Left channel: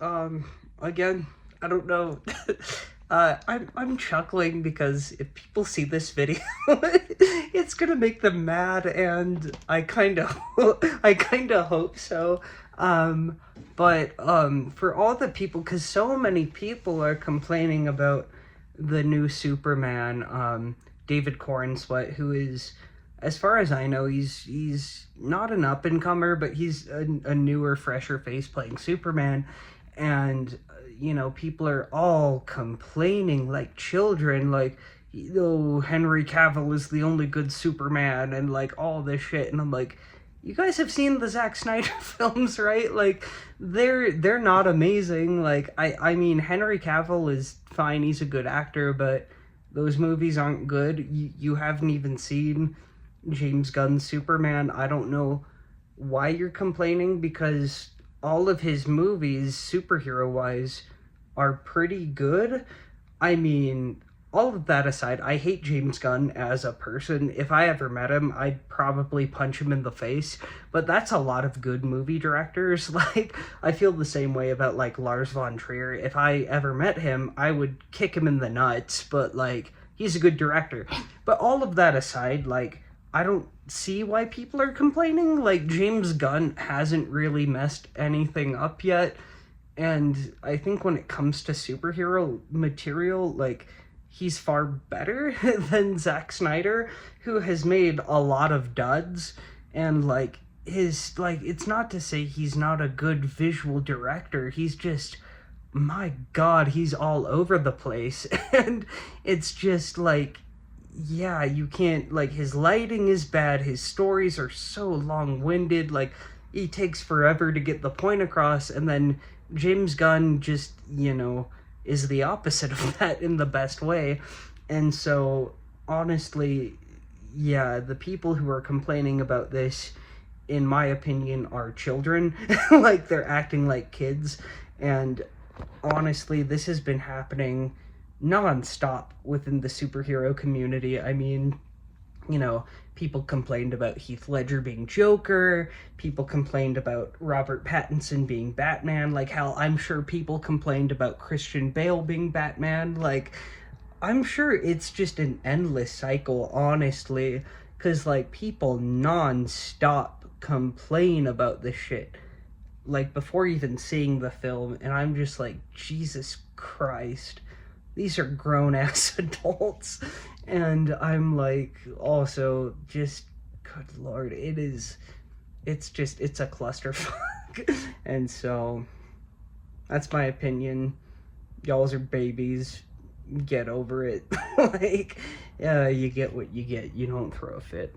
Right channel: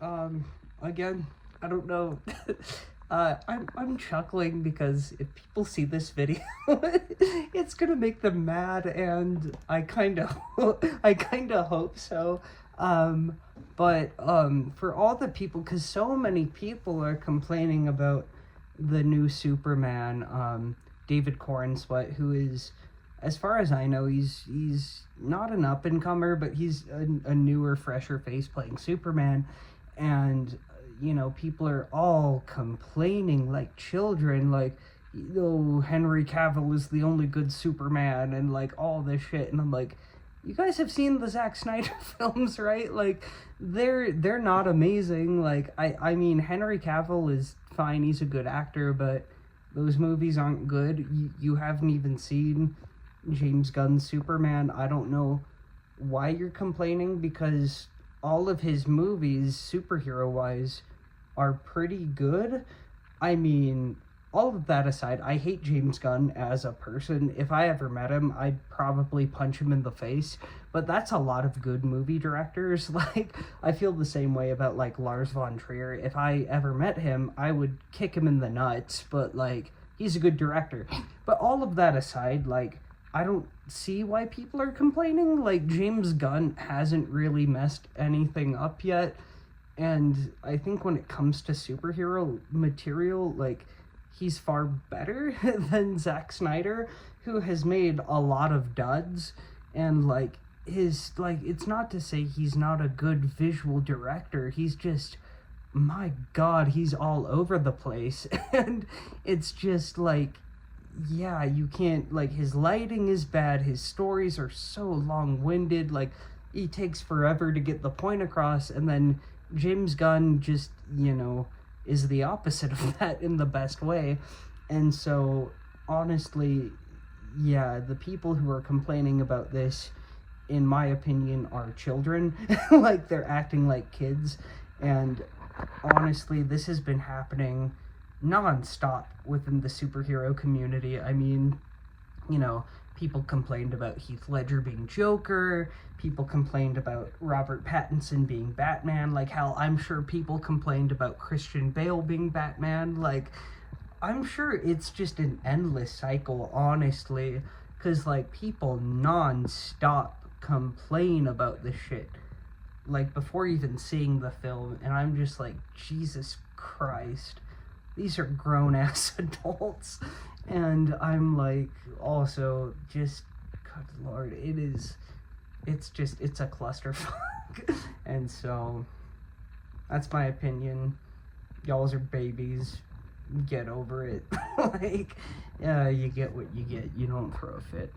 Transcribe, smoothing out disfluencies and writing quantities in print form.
Um, again, I don't know. I'm chuckling because if people see this video, it's gonna make them mad, and I kind of hope so. Um, but for all the people, because so many people are complaining about the new Superman, David Cornsweet, who is, as far as I know, he's not an up and comer, but he's a newer, fresher face playing Superman, and people are all complaining like children, like, Henry Cavill is the only good Superman, and like all this shit, and I'm like, you guys have seen the Zack Snyder films, right? Like, they're not amazing. Like, I mean, Henry Cavill is fine, he's a good actor, but those movies aren't good. You haven't even seen James Gunn's Superman. I don't know why you're complaining, because all of his movies, superhero wise, are pretty good. I mean, all of that aside, I hate James Gunn as a person. If I ever met him, I'd probably punch him in the face. But that's a lot of good movie directors. Like, I feel the same way about, like, Lars von Trier. If I ever met him, I would kick him in the nuts. But, like, he's a good director. But all of that aside, like, I don't see why people are complaining. Like, James Gunn hasn't really messed anything up yet. And I think when it comes to superhero material, like, he's far better than Zack Snyder, who has made a lot of duds. And, like, it's not to say he's not a good visual director. He's just, my God, he's all over the place. And it's just like, yeah, you can't, like, his lighting is bad, his stories are so long-winded, like, he takes forever to get the point across, and then James Gunn just, is the opposite of that in the best way. And so, honestly, yeah, the people who are complaining about this, in my opinion, are children. Like, they're acting like kids. And honestly, this has been happening non-stop within the superhero community. I mean, people complained about Heath Ledger being Joker, people complained about Robert Pattinson being Batman, like, hell, I'm sure people complained about Christian Bale being Batman. Like, I'm sure it's just an endless cycle, honestly, because, like, people non-stop complain about this shit, like, before even seeing the film, and I'm just like, Jesus Christ, these are grown-ass adults. And I'm like, also, just, good lord, it's a clusterfuck. And so, that's my opinion. Y'alls are babies. Get over it. Like, you get what you get. You don't throw a fit.